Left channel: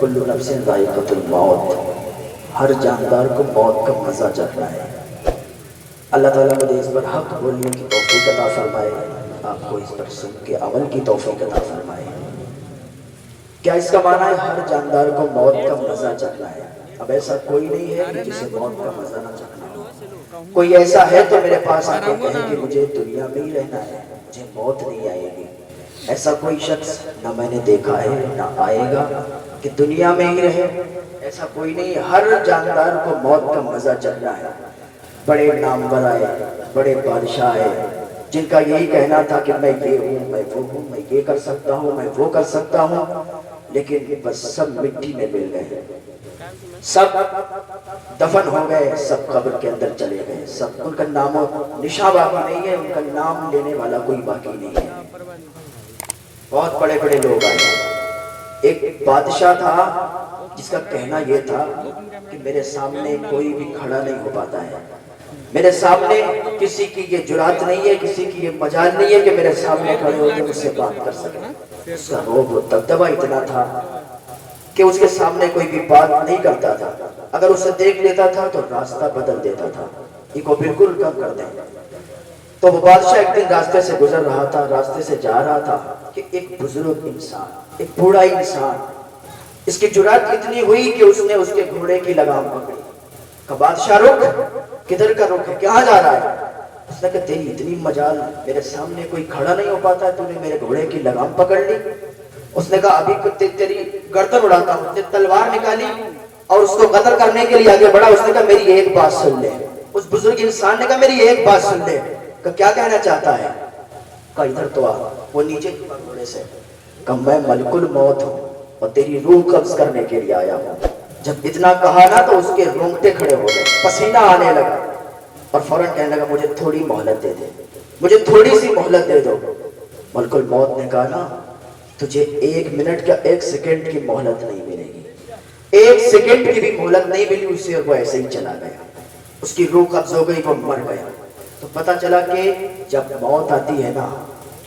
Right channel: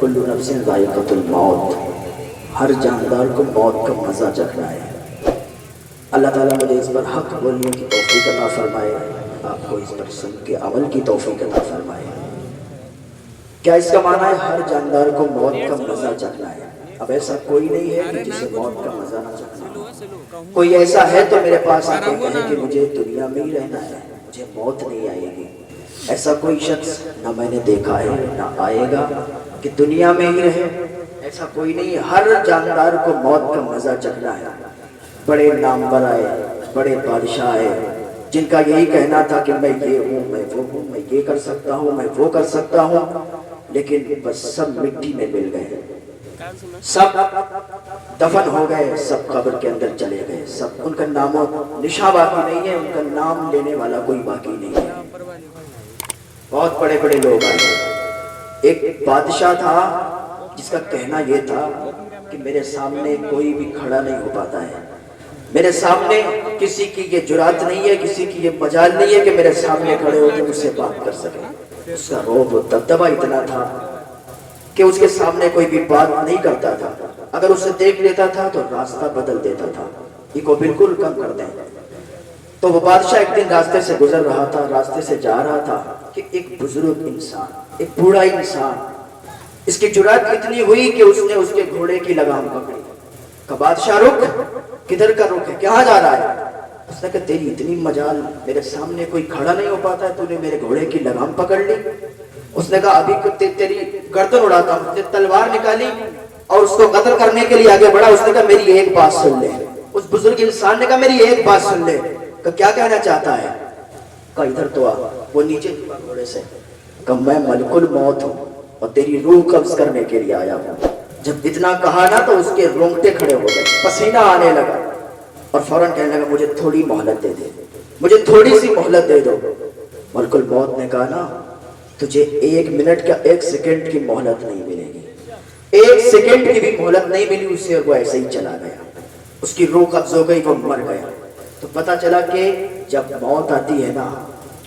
کل نفس ذائقۃ الموت، ہر جاندار کو موت کا مزہ چکھنا ہے۔ اللہ تعالیٰ مجھے اس پر حق بولنے کی توفیق عطا فرمائے، آپ کو اس پر سن کے عمل کی توفیق عطا فرمائے۔ کیا اس کا معنی ہے ہر جاندار کو موت کا مزہ چکھنا ہے؟ اب ایسا کوئی نہیں ہے کہ جسے موت کا مزہ نہ چکھنا ہو۔ کوئی ایسا ہے تو میرے پاس آ کے کہے کہ مجھے دنیا میں ہی رہنا ہے، مجھے موت نہیں آئے گی۔ ایسا کوئی شخص نہ میں نے دیکھا ہے نہ آئے گا کہ دنیا میں ہی رہے، ایسا کوئی نہیں۔ ہر جاندار کو موت کا مزہ چکھنا ہے۔ بڑے نامور آئے، بڑے بادشاہ آئے، جن کا یہی کہنا تھا کہ میں یہ ہوں، میں وہ ہوں، میں یہ کر سکتا ہوں، میں وہ کر سکتا ہوں، لیکن بس سب مٹی میں مل گئے، سب دفن ہو گئے، سب قبر کے اندر چلے گئے، سب ان کا نام و نشاں باقی نہیں ہے، ان کا نام لینے والا کوئی باقی نہیں ہے۔ بہت بڑے بڑے لوگ آئے۔ ایک بادشاہ تھا جس کا کہنا یہ تھا کہ میرے سامنے کوئی بھی کھڑا نہیں ہو پاتا ہے، میرے سامنے کسی کی یہ جرات نہیں ہے، کسی کی یہ مجال نہیں ہے کہ میرے سامنے کھڑے ہو کے مجھ سے بات کر سکے۔ اس کا رعب و دبدبہ اتنا تھا کہ اس کے سامنے کوئی بھی بات نہیں کرتا تھا، اگر اسے دیکھ لیتا تھا تو راستہ بدل دیتا تھا، یہ کو بالکل کم کر دیں۔ تو وہ بادشاہ ایک دن راستے سے گزر رہا تھا، راستے سے جا رہا تھا کہ ایک بزرگ انسان، ایک بوڑھا انسان، اس کی جرات اتنی ہوئی کہ اس نے اس کے گھوڑے کی لگام پکڑی۔ کہ بادشاہ رک، کدھر کا رک ہے، کہاں جا رہا ہے؟ اس نے کہا تیری اتنی مجال، میرے سامنے کوئی کھڑا نہیں ہو پاتا ہے، تو نے میرے گھوڑے کی لگام پکڑ لی۔ اس نے کہا ابھی تیری گردن اڑاتا ہوں۔ اس نے تلوار نکالی اور اس کو قتل کرنے کے لیے آگے بڑھا۔ اس نے کہا میری ایک بات سن لے۔ اس بزرگ انسان نے کہا میری ایک بات سن لے۔ کہ کیا کہنا چاہتا ہے؟ کہا ادھر تو آ۔ وہ نیچے گھوڑے سے کہ میں ملک الموت ہوں اور تیری روح قبض کرنے کے لیے آیا ہوں۔ جب اتنا کہا نا تو اس کے رونگٹے کھڑے ہو گئے، پسینہ آنے لگا اور فوراً کہنے لگا مجھے تھوڑی مہلت دے دے، مجھے تھوڑی سی مہلت دے دو۔ ملک الموت نے کہا نا تجھے ایک منٹ کا ایک سیکنڈ کی مہلت نہیں ملے گی، ایک سیکنڈ کی بھی مہلت نہیں ملی اسے، وہ ایسے ہی چلا گیا، اس کی روح قبض ہو گئی، وہ مر گیا۔ تو پتا چلا کہ جب موت آتی ہے نا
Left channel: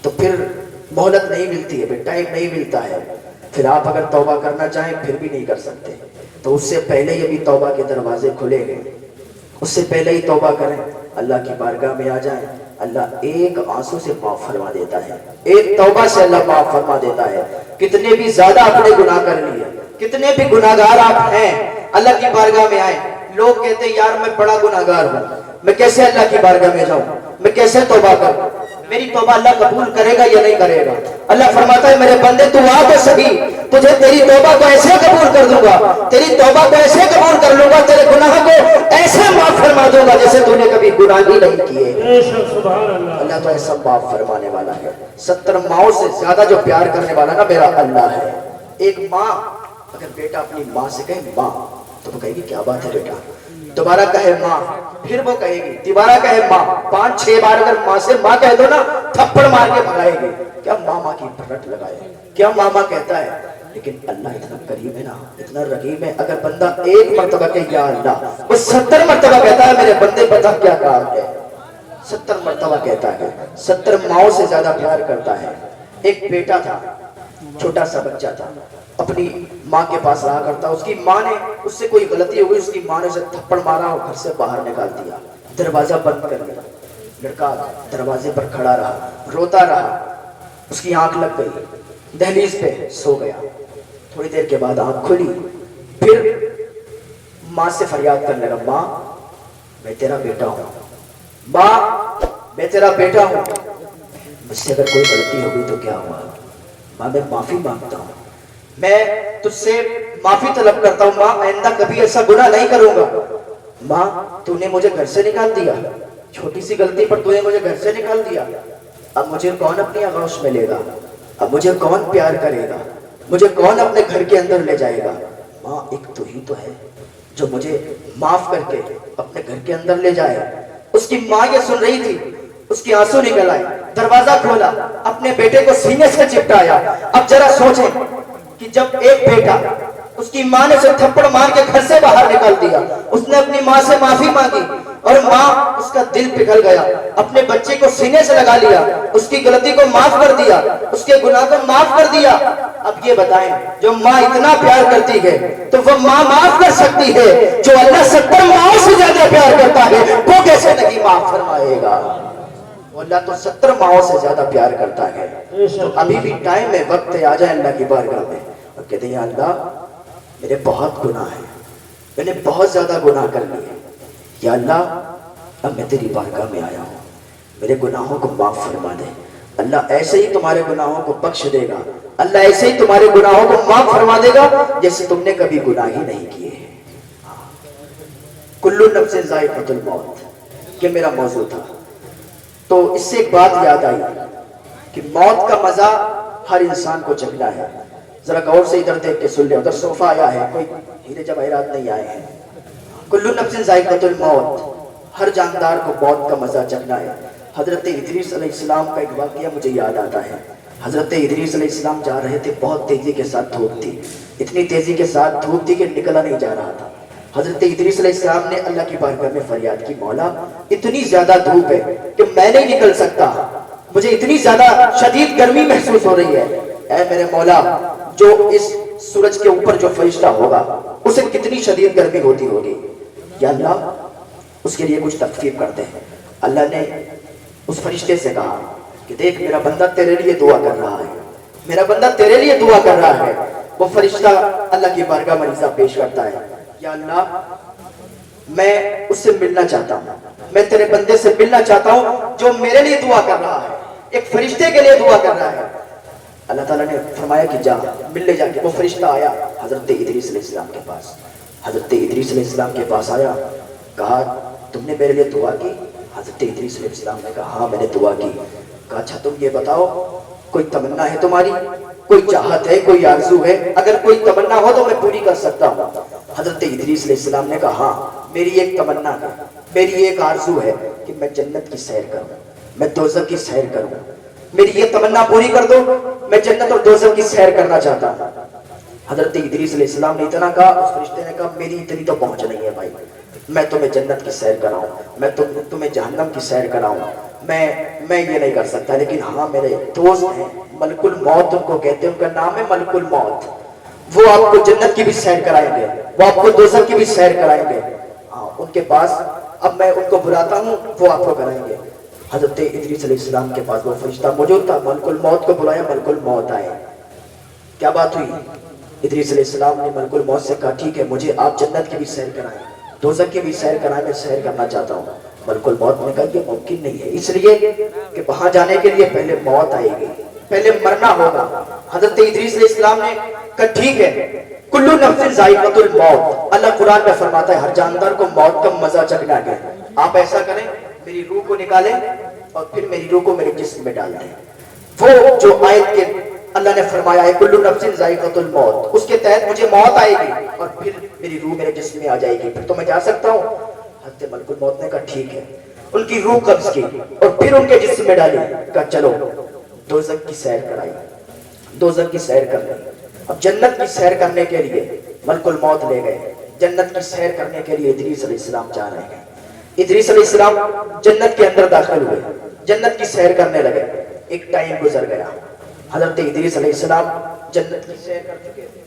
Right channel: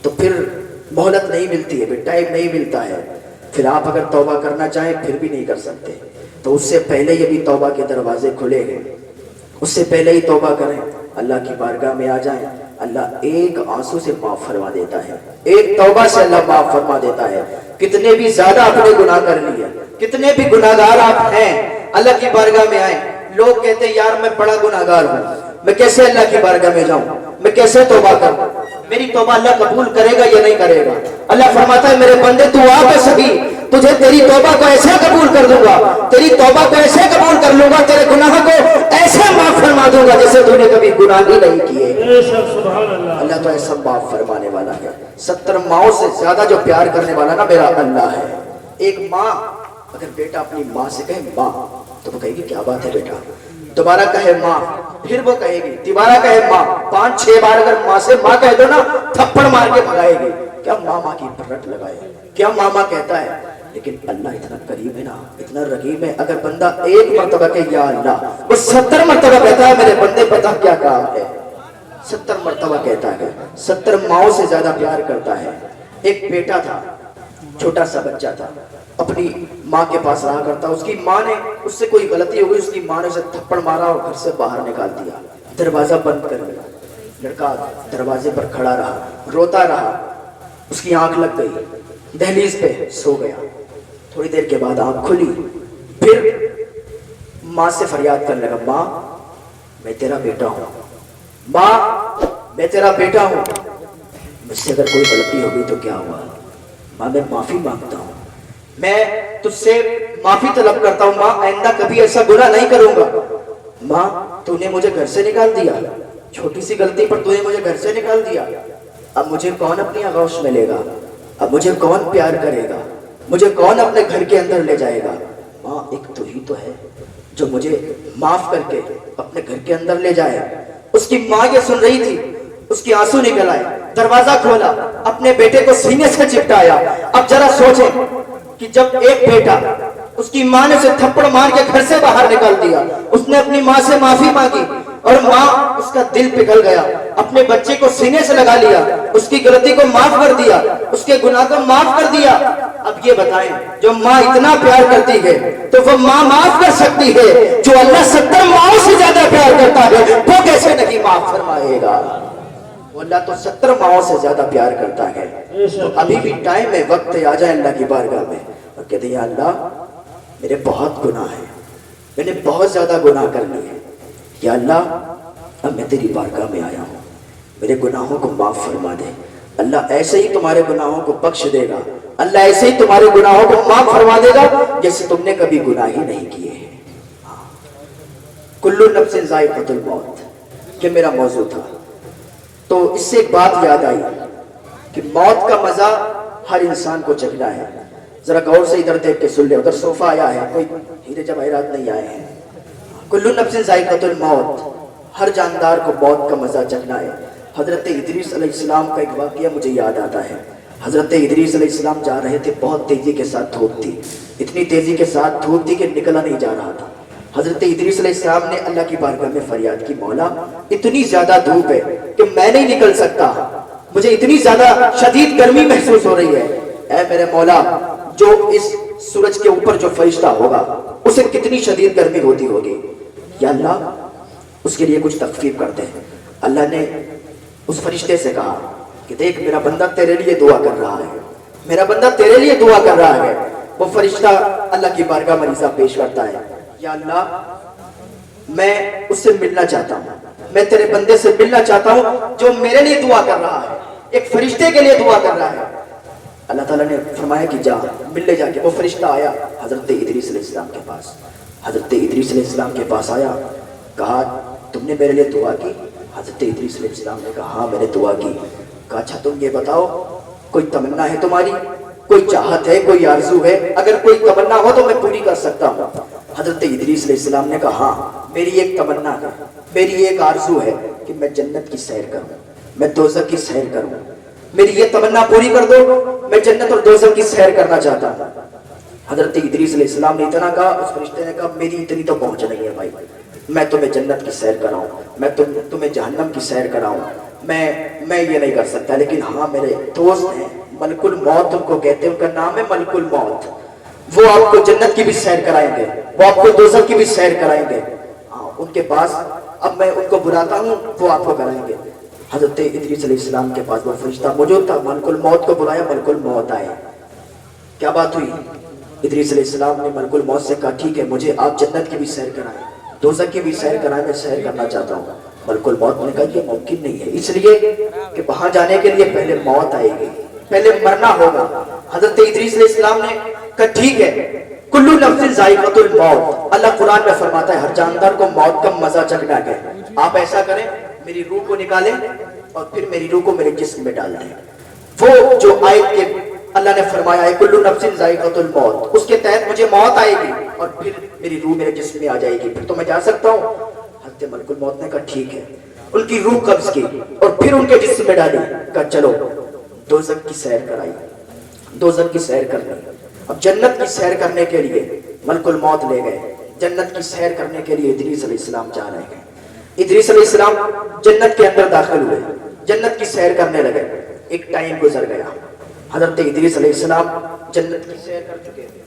تو پھر مہلت نہیں ملتی ہے، ٹائم نہیں ملتا ہے، پھر آپ اگر توبہ کرنا چاہیں پھر بھی نہیں کر سکتے۔ تو اس سے پہلے یہ بھی توبہ کے دروازے کھلے گئے، اس سے پہلے ہی توبہ کریں، اللہ کی بارگاہ میں آ جائیں، اللہ ایک آنسو سے معاف فرما دیتا ہے، ایک توبہ سے اللہ معاف فرما دیتا ہے۔ کتنے بھی زیادہ اپنے گناہ کر لیے، کتنے بھی گناہگار آپ ہیں، اللہ کی بارگاہ میں آئیں۔ لوگ کہتے ہیں یار میں بڑا گناہگار ہوں، میں کیسے اللہ کی بارگاہ میں جاؤں، میں کیسے توبہ کروں، میری توبہ اللہ قبول کرے گا یا نہیں کرے گا؟ اللہ فرماتا ہے میرے بندے تو آ تو صحیح، تجھے تیری توبہ کو ایسے قبول کر دوں گا، تیری توبہ کو ایسے قبول کر لوں گا، تیرے گناہ کو ایسے معاف فرما دوں گا جیسے تو نے کبھی گناہ ہی نہیں کیے۔ اللہ تو ایسا معاف فرمانے والا ہے۔ 70 ماؤں سے زیادہ جو پیار کرنے والا نا میرا اللہ ہے۔ ایک ماں اگر بیٹا اپنی ماں سے کہے ماں تو وہ کہے گی کیا بات ہے بیٹا، دوبارہ کہے ماں پھر وہ کہے گی، دوبارہ کہے ماں، 5-6 بار اگر ماں سے ماں کہہ دو نا تھپڑ مار کے بھگائے گی، کیا ماما کی رٹ لگائے، کیا ماما کہتا ہے۔ لیکن اللہ اتنا قریب ہے نا، اتنا رحیم ہے، اگر بندہ ایک مرتبہ کہ یا اللہ، وہ 70 مرتبہ کہتا ہے میرے بندے بتا کیا کام ہے، 70 مرتبہ کہتا ہے، 70 ماؤں سے زیادہ پیار کرتا ہے۔ ایک بیٹا تھا، چھوٹا سا بچہ تھا، اپنی ماں کے پاس رہا کرتا، اس کی ماں نے اس سے کوئی غلطی ہوئی، اس کی ماں نے اسے تھپڑ مارا اور گھر سے باہر نکال دیا، دروازہ بند کر دیا۔ لڑکا دروازے پر کھڑا رہا، روتا رہا، اس کی آنکھ لگ گئی، دہلیز پہ سو گیا۔ تھوڑی دیر کے بعد آنکھ کھلی، پھر ماں سے فریاد کرنے لگا، ماں میں تیرا بیٹا ہوں، ماں میں تیرا بیٹا ہوں، مجھ سے اگر کوئی غلطی ہوگی تو کیا ہوا، ماں میں معافی مانگتا ہوں، میں تجھ سے معافی طلب کرتا ہوں، ماں آئندہ کبھی ایسا گناہ نہیں کروں گا۔ ماں تو نے مجھے گھر سے نکال دیا، چھوٹی سی غلطی پر تو نے مجھے گھر سے نکال دیا، اب مجھے کون اپنی آغوش میں لے گا، اب مجھے کون پیار کرے گا، مجھے کون اپنے گھر کے اندر لے جائے گا؟ ماں ایک تو ہی تو ہے جو مجھے معاف کر کے اپنے گھر کے اندر لے جائے۔ اس کی ماں یہ سن رہی تھی، اس کی آنسو نکل آئے، دروازہ کھولا، اپنے بیٹے کو سینے سے چپٹایا۔ اب ذرا سوچیں کہ جب ایک بیٹا اس کی ماں نے اسے تھپڑ مار کے گھر سے باہر نکال دیا، اس نے اپنی ماں سے معافی مانگی اور ماں اس کا دل پگھل گیا، اپنے بچے کو سینے سے لگا لیا، اس کی غلطی کو معاف کر دیا، اس کے گناہ کو معاف کر دیا۔ اب یہ بتائیں جو ماں اتنا پیار کرتی ہے تو وہ ماں معاف کر سکتی ہے؟ جو اللہ 70 ماؤں سے زیادہ پیار کرتا ہے وہ کیسے نہیں معاف فرمائے گا؟ وہ اللہ تو 70 ماؤں سے زیادہ پیار کرتا ہے. تو ابھی بھی ٹائم ہے، وقت ہے، آ جائے اللہ کی بارگاہ میں اور کہتے ہیں یا اللہ میرے بہت گناہ ہیں، میں نے بہت زیادہ گناہ کر لیے، یا اللہ اب میں تیری بارگاہ میں آیا ہوں، میرے گناہوں کو معاف فرما دے. اللہ ایسے ہی تمہارے گناہوں کو بخش دے گا، اللہ ایسے ہی تمہارے گناہوں کو معاف فرما دے گا جیسے تم نے کبھی گناہ ہی نہیں کیے ہیں. کل نفس ذائقۃ الموت یہ میرا موضوع تھا. تو اس سے ایک بات یاد آئی کہ موت کا مزہ ہر انسان کو چکھنا ہے. ذرا غور سے ادھر دیکھ کے سن لے، ادھر صوفہ آیا ہے، کوئی ہیرے جواہرات نہیں آئے ہیں. کل نفس ذائقۃ الموت، ہر جاندار کو موت کا مزہ چکھنا ہے. حضرت ادریس علیہ السلام کا ایک واقعہ مجھے یاد آتا ہے. حضرت ادریس علیہ السلام جا رہے تھے، بہت تیزی کے ساتھ دھوپ تھی، اتنی تیزی کے ساتھ دھوپ تھی کہ نکلا نہیں جا رہا تھا. حضرت ادریس علیہ السلام نے اللہ کی بارگاہ میں فریاد کی، مولا اتنی زیادہ دھوپ ہے کہ میں نہیں نکل سکتا، مجھے اتنی زیادہ شدید گرمی محسوس ہو رہی ہے. اے میرے مولا، جو اس سورج کے اوپر جو فرشتہ ہوگا اسے کتنی شدید گرمی ہوتی ہوگی، یا اللہ اس کے لیے کچھ تخفیف کر دے. اللہ نے اس فرشتے سے کہا کہ دیکھ میرا بندہ تیرے لیے دعا کر رہا ہے، میرا بندہ تیرے لیے دعا کر رہا ہے. وہ فرشتہ اللہ کی بارگاہ میں عرض پیش کرتا ہے، یا اللہ میں اس سے ملنا چاہتا ہوں، میں تیرے بندے سے ملنا چاہتا ہوں جو میرے لیے دعا کر رہا ہے، ایک فرشتے کے لیے دعا کر رہا ہے. اللہ تعالیٰ نے فرمایا کہ جا مل لے. جا کے وہ فرشتہ آیا حضرت ادریس علیہ السلام کے پاس. حضرت ادریس علیہ السلام کے پاس آیا، کہا تم نے میرے لیے دعا کی؟ حضرت ادریس علیہ السلام نے کہا ہاں میں نے دعا کی. کہا اچھا تم یہ بتاؤ کوئی تمنا ہے تمہاری، کوئی چاہت ہے، کوئی آرزو ہے؟ اگر کوئی تمنا ہو تو میں پوری کر سکتا ہوں. حضرت ادریس علیہ السلام نے کہا ہاں میری ایک تمنا ہے، میری ایک آرزو ہے کہ میں جنت کی سیر کروں، میں دوزخ کی سیر کروں. میری یہ تمنا پوری کر دو، میں جنت اور دوزخ کی سیر کرنا چاہتا ہوں. حضرت ادریس علیہ السلام نے اتنا کہا، اس فرشتے نے کہا میری اتنی تو پہنچ نہیں ہے بھائی، میں تمہیں جنت کی سیر کراؤں، میں تمہیں جہنم کی سیر کراؤں، میں یہ نہیں کر سکتا. لیکن ہاں میرے دوست ہیں ملک الموت ان کو کہتے ہیں، ان کا نام ہے ملک الموت، وہ آپ کو جنت کی بھی سیر کرائیں گے، وہ آپ کو دوزخ کی بھی سیر کرائیں گے. ہاں ان کے پاس اب میں ان کو بلاتا ہوں، وہ آپ کو کرائیں گے. حضرت ادریس علیہ السلام کے پاس وہ فرشتہ موجود تھا، ملک الموت کو بلایا، ملک الموت آئے. کیا بات ہوئی؟ ادریس علیہ السلام نے ملک الموت سے کہا ٹھیک ہے مجھے آپ جنت کی بھی سیر کرائیں، دوزخ کی بھی سیر کرائیں، میں سیر کرنا چاہتا ہوں. ملک الموت نے کہا یہ ممکن نہیں ہے، اس لیے کہ وہاں جانے کے لیے پہلے موت آئے گی، پہلے مرنا ہوگا. حضرت ادریس علیہ السلام نے کہا ٹھیک ہے، کل نفس ذائقۃ الموت. اللہ قرآن میں فرماتا ہے ہر جاندار کو موت کا مزہ چکھنا ہے. آپ ایسا کریں میری روح کو نکالیں اور پھر میری روح کو میرے جسم میں ڈال دیں. وہ جو آیت کے اللہ نے فرمایا ہے کل نفس ذائقۃ الموت، اس کے تحت مجھے موت آئے گی اور پھر میری روح میرے جسم میں آ جائے گی، پھر تو میں جا سکتا ہوں. حضرت ملک الموت نے کہا ٹھیک ہے، ان کی روح قبض کی اور پھر ان کے جسم میں ڈالی. کہا چلو دوزخ کی سیر کرائی، دوزخ کی سیر کر لی. اب جنت کی سیر کرنے کے لیے ملک الموت لے گئے. جنت کی سیر کرنے کے لیے ادریس علیہ السلام جا رہے ہیں. ادریس علیہ السلام جنت کے اندر داخل ہوئے، جنت کی سیر کرنے لگے. ایک ٹائم گزر گیا، حضرت ادریس علیہ السلام جنت کی سیر کر چکے تھے.